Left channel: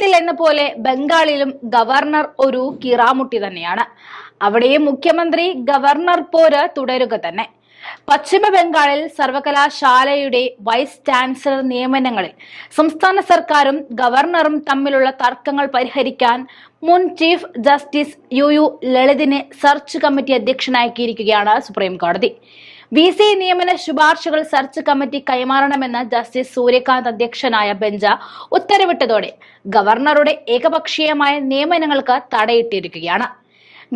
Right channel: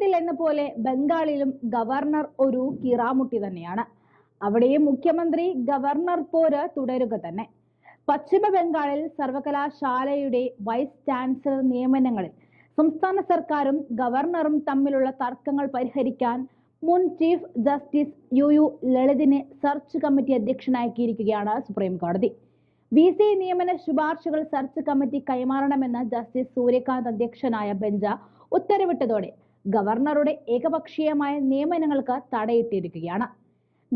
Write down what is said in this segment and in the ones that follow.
കേരളത്തിൽ എന്ന പോലെ ബംഗാളിലും ഗവർണർ ഒരു കിറാമുട്ടി തന്നെയാണ്. അവിടെയും മുഖ്യമന്ത്രി ഗവർണർ പോര് തുടരുക തന്നെ. പശ്ചിമ ബംഗാളിൽ സർവകലാശാലയുടെ വൈസ് ചാൻസലർ നിയമനങ്ങളിൽ സംസ്ഥാന സർക്കാരും ഗവർണറും തമ്മിലുള്ള തർക്കങ്ങൾ പരിഹരിക്കാൻ മുൻ ചീഫ് ജസ്റ്റിസ് യു യു ലളിതിനെ സെർച്ച് കമ്മിറ്റി അധ്യക്ഷനാക്കിയിരിക്കുകയാണ് സുപ്രീം കോടതി വി സി നിയമന ശുപാർശകൾ സെർച്ച് കമ്മിറ്റി കൈമാറണമെന്ന് ജസ്റ്റിസ് സൂര്യകാന്ത് അധ്യക്ഷനായ ബെഞ്ച് ഉത്തരവിട്ടതോടെ ഗവർണറുടെ ഏകപക്ഷീയമായ നിയമനങ്ങൾക്ക് തടയിട്ടിരിക്കുകയാണ്.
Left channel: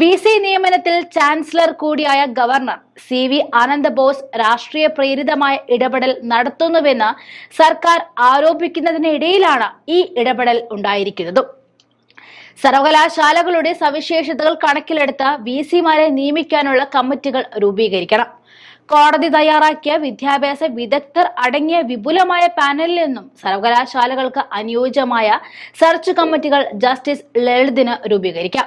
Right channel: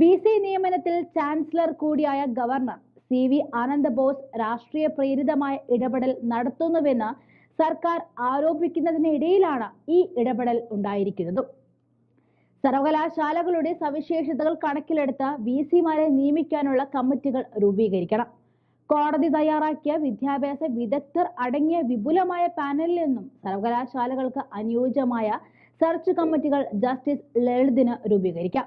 വി സി നിയമനത്തിൽ ചാൻസലർ കൂടിയായ governor C V Ananda Bose രാഷ്ട്രീയ പ്രേരിതമായ ഇടപെടൽ നടത്തുന്നുവെന്ന് സർക്കാർ ആരോപിക്കുന്നതിനിടയിലാണ് ഈ ഇടപെടൽ ഉണ്ടായിരിക്കുന്നത്. സർവകലാശാലകളുടെ സവിശേഷതകൾ കണക്കിലെടുത്ത് വി സിമാരെ നിയമിക്കാനുള്ള കമ്മിറ്റികൾ രൂപീകരിക്കണം. കോടതി തയ്യാറാക്കിയ വിദ്യാഭ്യാസ വിദഗ്ധർ അടങ്ങിയ വിപുലമായ പാനലിൽ നിന്നും സർവകലാശാലകൾക്ക് അനുയോജ്യമായ സെർച്ച് കമ്മിറ്റികൾ ജസ്റ്റിസ് ലളിതിന് രൂപീകരിക്കാം.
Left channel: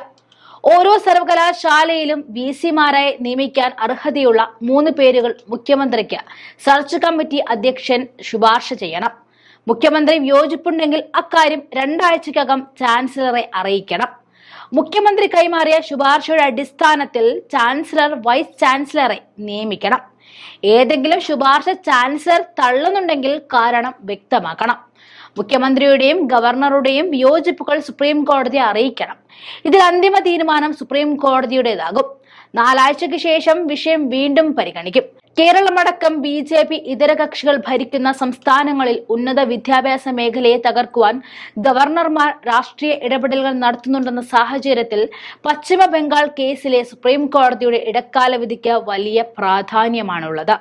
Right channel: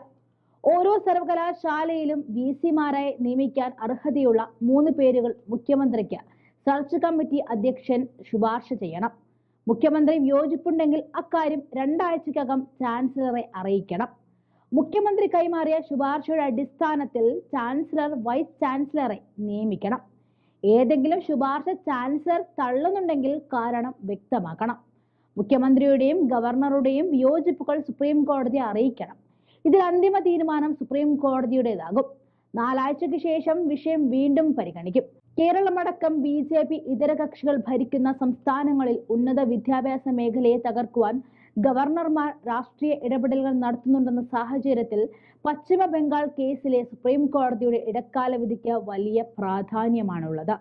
ഓരോ സർവകലാശാലയിലും വി സിമാരായി നിയമിക്കാൻ അർഹതയുള്ള മൂന്ന് പേരുകൾ മുഖ്യമന്ത്രിക്ക് സെർച്ച് കമ്മിറ്റി അധ്യക്ഷൻ ശുപാർശ ചെയ്യണം. മുഖ്യമന്ത്രി വിയോജിപ്പുണ്ടെങ്കിൽ അക്കാര്യം രണ്ടാഴ്ചക്കകം ചാൻസലറെ അറിയിക്കണം. മുഖ്യമന്ത്രി കൈമാറിയ ശുപാർശയുടെ അടിസ്ഥാനത്തിൽ ചാൻസലർ വൈസ് ചാൻസലറെ നിയമിക്കണം. ഏതെങ്കിലും ശുപാർശ ചാൻസലർ തള്ളുന്നുണ്ടെങ്കിൽ കാരണം വ്യക്തമാക്കണം. മുഖ്യമന്ത്രിയുടെയും ഗവർണറുടെയും വിയോജിപ്പുകൾ സുപ്രീം കോടതിയെ അറിയിക്കണം. ഇതിൽ അന്തിമ തീരുമാനം സുപ്രീം കോടതിയുടേതാകും നാലാഴ്ചയ്ക്ക് ശേഷം വിഷയം വീണ്ടും പരിഗണിക്കും. കേരളമടക്കം ബി ജെ പി ഇതര കക്ഷികൾ ഭരിക്കുന്ന സംസ്ഥാനങ്ങളിൽ ഉന്നത വിദ്യാഭ്യാസ മേഖലയെ തകർക്കുവാൻ ഗവർണർമാർ രാഷ്ട്രീയ ഇടപെടലുകൾ നടത്തുന്നുണ്ടെന്ന സാഹചര്യത്തിൽ പശ്ചിമ ബംഗാൾ കേസിലെ സുപ്രീം കോടതിയുടെ ഇടക്കാല വിധിക്ക് വലിയ പ്രാധാന്യമാണുള്ളത്.